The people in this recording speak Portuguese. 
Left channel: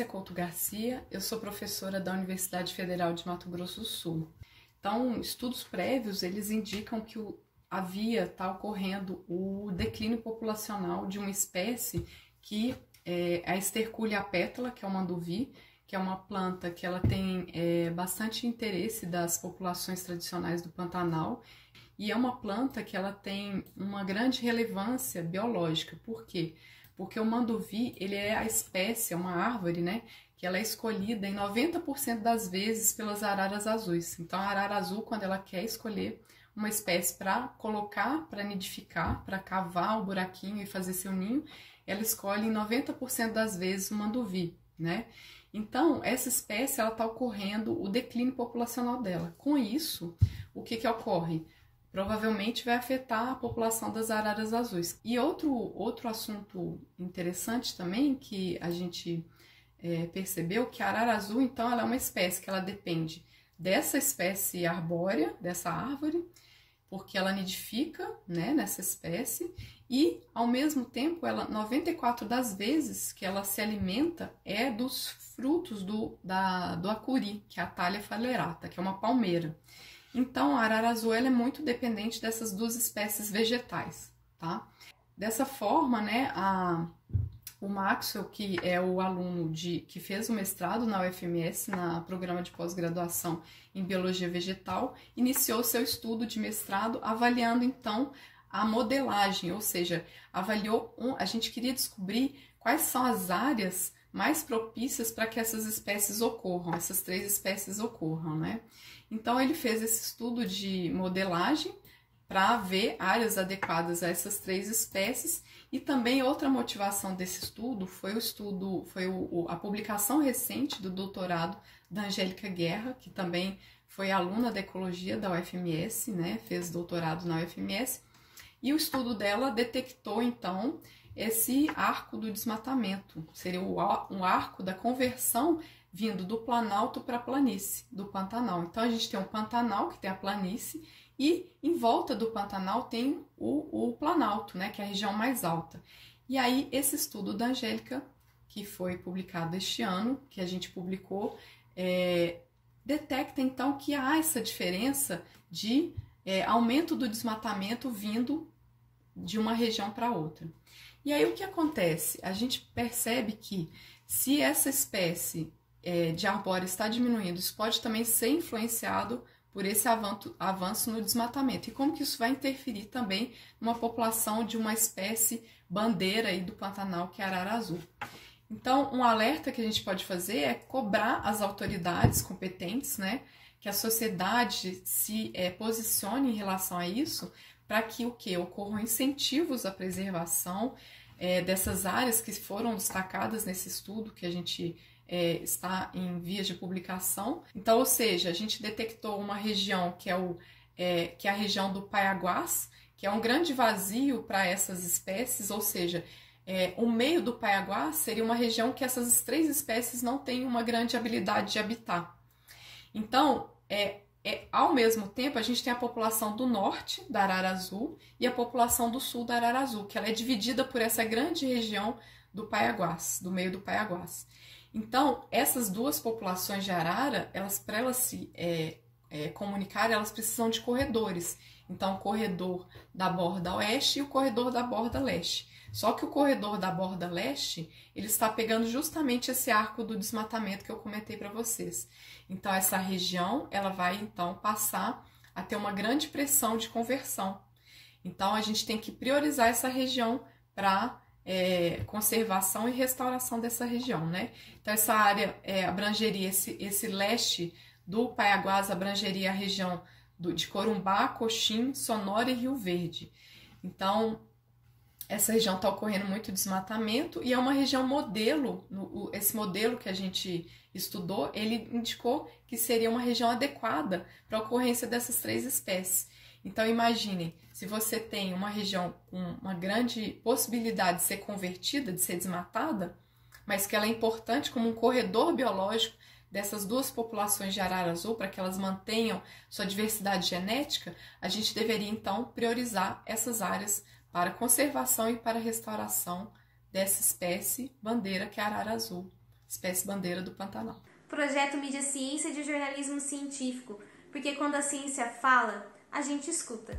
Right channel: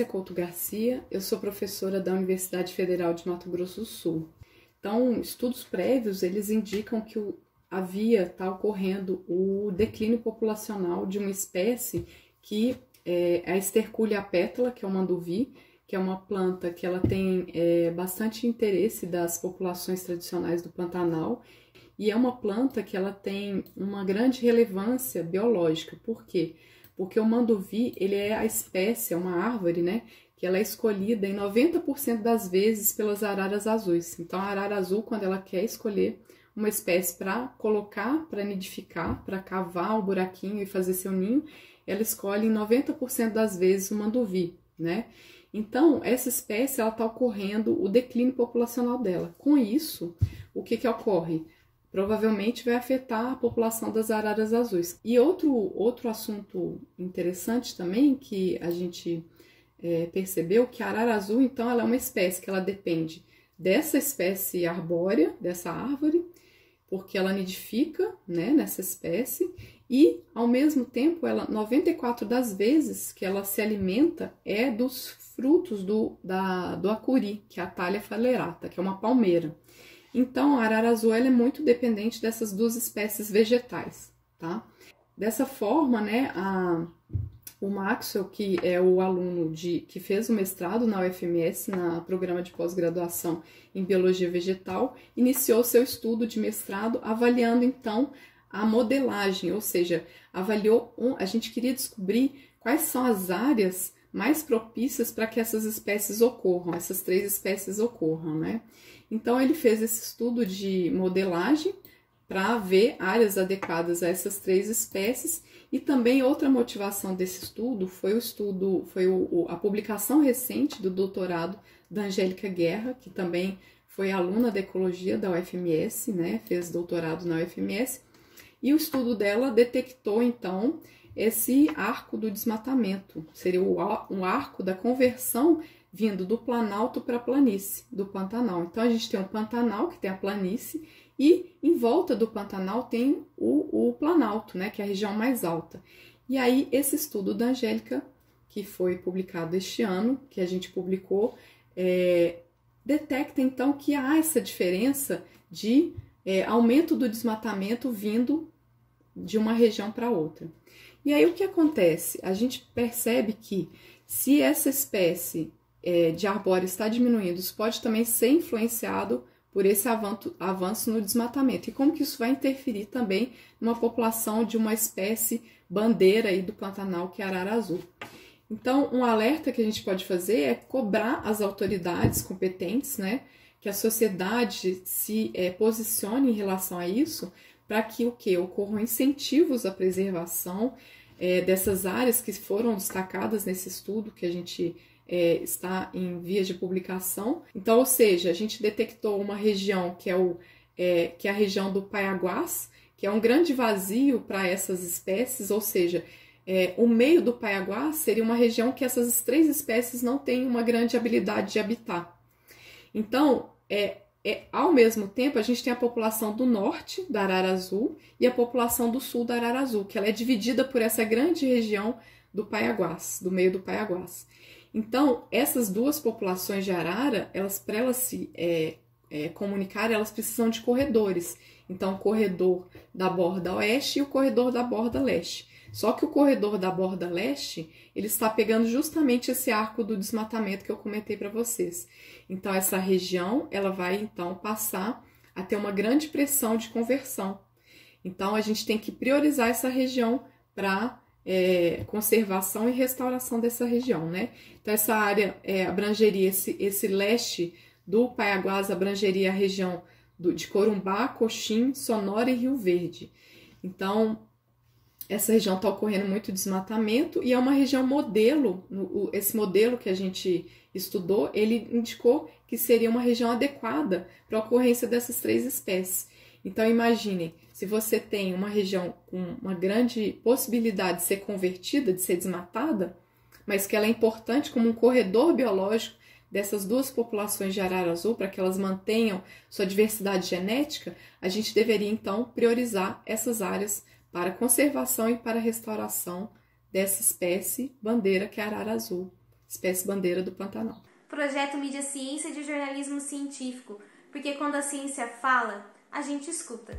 Patrícia Couto Garcia, eu sou professora da Universidade Federal de Mato Grosso do Sul. Então, estudos prévios, eles indicam que está ocorrendo o declínio populacional de uma espécie que é a Sterculia pétala, que é o manduvi, que é uma planta que ela tem bastante interesse das populações tradicionais do Pantanal, e é uma planta que ela tem uma grande relevância biológica. Por quê? Porque o manduvi, ele é a espécie, é uma árvore, né, que ela é escolhida em 90% das vezes pelas araras azuis. Então, a arara azul, quando ela quer escolher uma espécie para colocar, para nidificar, para cavar o buraquinho e fazer seu ninho, ela escolhe em 90% das vezes o manduvi, né? Então, essa espécie, ela está ocorrendo o declínio populacional dela. Com isso, o que ocorre? Provavelmente vai afetar a população das araras azuis. E outro assunto interessante também, que a gente percebeu, que a arara azul, então, ela é uma espécie que ela depende dessa espécie arbórea, dessa árvore, porque ela nidifica, né, nessa espécie, e, ao mesmo tempo, 94 das vezes que ela se alimenta é dos frutos do acuri, que é a Thalia phalerata, que é uma palmeira. Então, a arara azul ela é muito dependente dessas duas espécies vegetais, tá? Dessa forma, né, o Maxwell, que é o aluno que fez o mestrado na UFMS, no programa de pós-graduação em Biologia Vegetal, iniciou seu estudo de mestrado avaliando, então, a modelagem, ou seja, a gente queria descobrir quais são as áreas mais propícias para que essas espécies ocorram, essas três espécies ocorram, né? Então, ele fez esse estudo de modelagem para ver áreas adequadas a essas três espécies, e também outra motivação desse estudo foi a publicação recente do doutorado da Angélica Guerra, que também foi aluna de ecologia da UFMS, né? Fez doutorado na UFMS, e o estudo dela detectou, então, esse arco do desmatamento, seria um arco da conversão vindo do Planalto para a planície, do Pantanal. Então, a gente tem um Pantanal, que tem a planície, e em volta do Pantanal tem o Planalto, né, que é a região mais alta. E aí, esse estudo da Angélica, que foi publicado este ano, que a gente publicou, detecta, então, que há essa diferença de aumento do desmatamento vindo de uma região para outra. E aí, o que acontece? A gente percebe que, se essa espécie de arbóreo está diminuindo, isso pode também ser influenciado por esse avanço no desmatamento. E como que isso vai interferir também numa população de uma espécie bandeira aí do Pantanal, que é a arara azul. Então, um alerta que a gente pode fazer é cobrar as autoridades competentes, né, que a sociedade se posicione em relação a isso, para que ocorram incentivos à preservação dessas áreas que foram destacadas nesse estudo que a gente está em vias de publicação. Então, ou seja, a gente detectou uma região que é a região do Paiaguás, que é um grande vazio para essas espécies, ou seja, o meio do Paiaguás seria uma região que essas três espécies não têm uma grande habilidade de habitar. Então, ao mesmo tempo, a gente tem a população do norte da arara azul e a população do sul da arara azul, que ela é dividida por essa grande região do Paiaguás, do meio do Paiaguás. Então, essas duas populações de arara, para elas se comunicarem, elas precisam de corredores. Então, o corredor da borda oeste e o corredor da borda leste. Só que o corredor da borda leste, ele está pegando justamente esse arco do desmatamento que eu comentei para vocês. Então, essa região, ela vai, então, passar a ter uma grande pressão de conversão. Então, a gente tem que priorizar essa região para conservação e restauração dessa região, né? Então, essa área abrangeria esse leste do Paiaguás, abrangeria a região de Corumbá, Coxim, Sonora e Rio Verde. Então, essa região está ocorrendo muito desmatamento e é uma região modelo. Esse modelo que a gente estudou, ele indicou que seria uma região adequada para a ocorrência dessas três espécies. Então, imaginem, se você tem uma região com uma grande possibilidade de ser convertida, de ser desmatada, mas que ela é importante como um corredor biológico dessas duas populações de arara azul, para que elas mantenham sua diversidade genética, a gente deveria, então, priorizar essas áreas para a conservação e para a restauração dessa espécie bandeira, que é a arara azul, espécie bandeira do Pantanal. Projeto Mídia Ciência de jornalismo científico, porque quando a ciência fala, a gente escuta.